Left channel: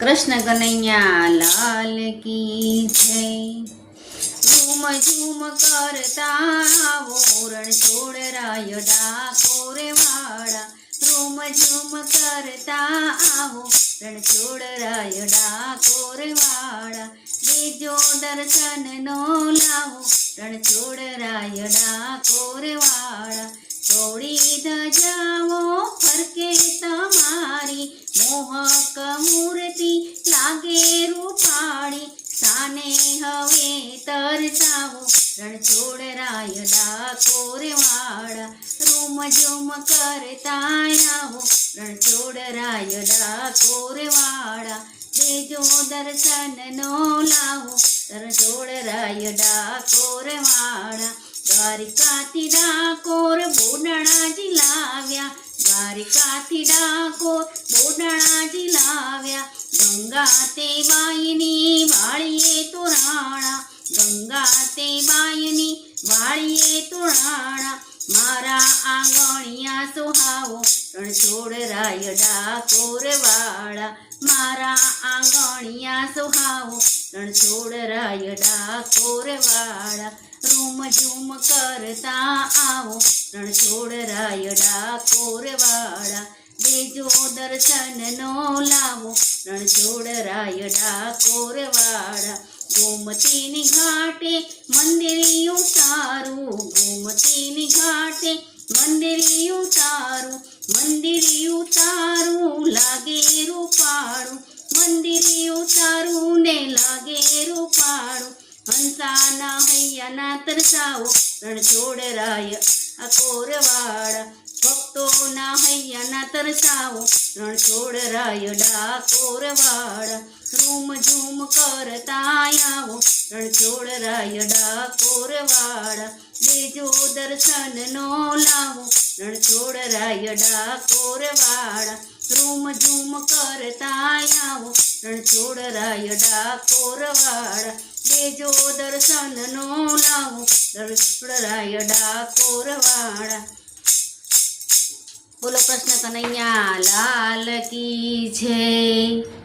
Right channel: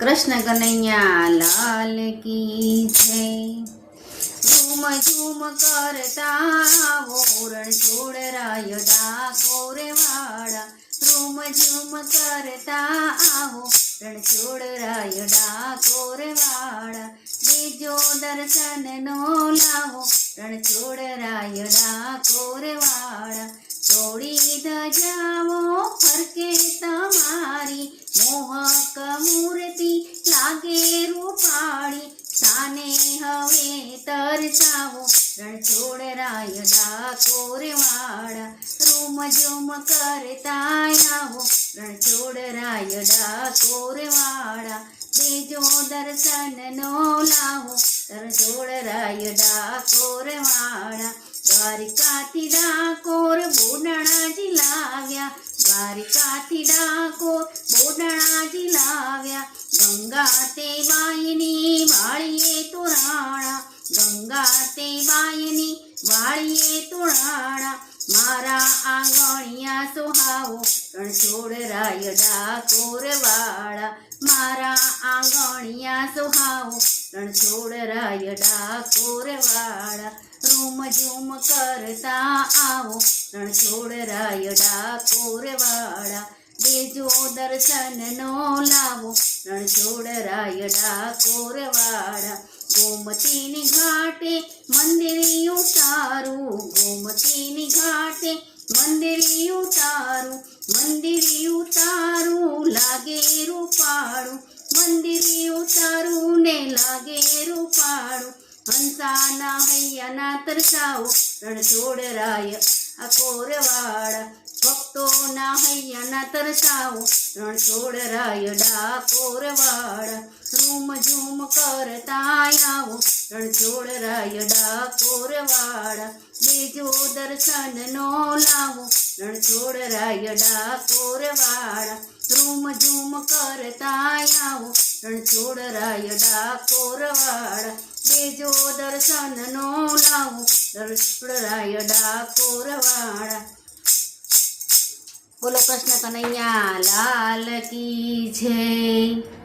कृष्ण कन्हैया लाल की जय। झूम झूम करता वो रणछोड़ राय डाकोर वाड़ा। झूम झूम करता वो रणछोड़ राय डाकोर वाड़ा। देजो दर्शन नो लावो रणछोड़ राय डाकोर वाड़ा। छोड़ी धजाओ फरके तमारी मोहक मूर्ति लागे रूपाड़ी। साने हवे तरसावो रणछोड़ राय डाकोर वाड़ा। रूम झूम करता आवो रणछोड़ राय डाकोर वाड़ा। देजो दर्शन नो लावो रणछोड़ राय डाकोर वाड़ा। द्वारिकाथी डाकोर बोडणाजी लाव्या। द्वारिकाथी डाकोर बोडणाजी लाव्या। गंगा ते बायनी वाळीए तोराणा। गंगा ते बायनी वाळीए तोराणा। मारा आंगणिया सोहावो रणछोड़ राय डाकोर वाड़ा। मारा आंगणिया सोहावो रणछोड़ राय डाकोर वाड़ा। रूम झूम करता आवो रणछोड़ राय डाकोर वाड़ा। देजो दर्शन नो लावो रणछोड़ राय डाकोर वाड़ा। गोमती घाटे मंदिरी उतारू। गोमती घाटे मंदिरी उतारू। मंदिरी उतारू लागे रूपाड़ू। मंदिरी उतारू ने लागे रूपाड़ू। हंसाना हैया तरसाओ रणछोड़ राय डाकोर वाड़ा। भक्तो ना हैया तरसाओ रणछोड़ राय डाकोर वाड़ा। रूम झूम करता आवो रणछोड़ राय डाकोर वाड़ा। देजो दर्शन नो लावो रणछोड़ राय डाकोर वाड़ा। रूम झूम करता आवो रणछोड़ राय डाकोर वाड़ा। देजो दर्शन नो लावो रणछोड़ राय डाकोर वाड़ा। बोलो कृष्ण कन्हैया लाल की जय।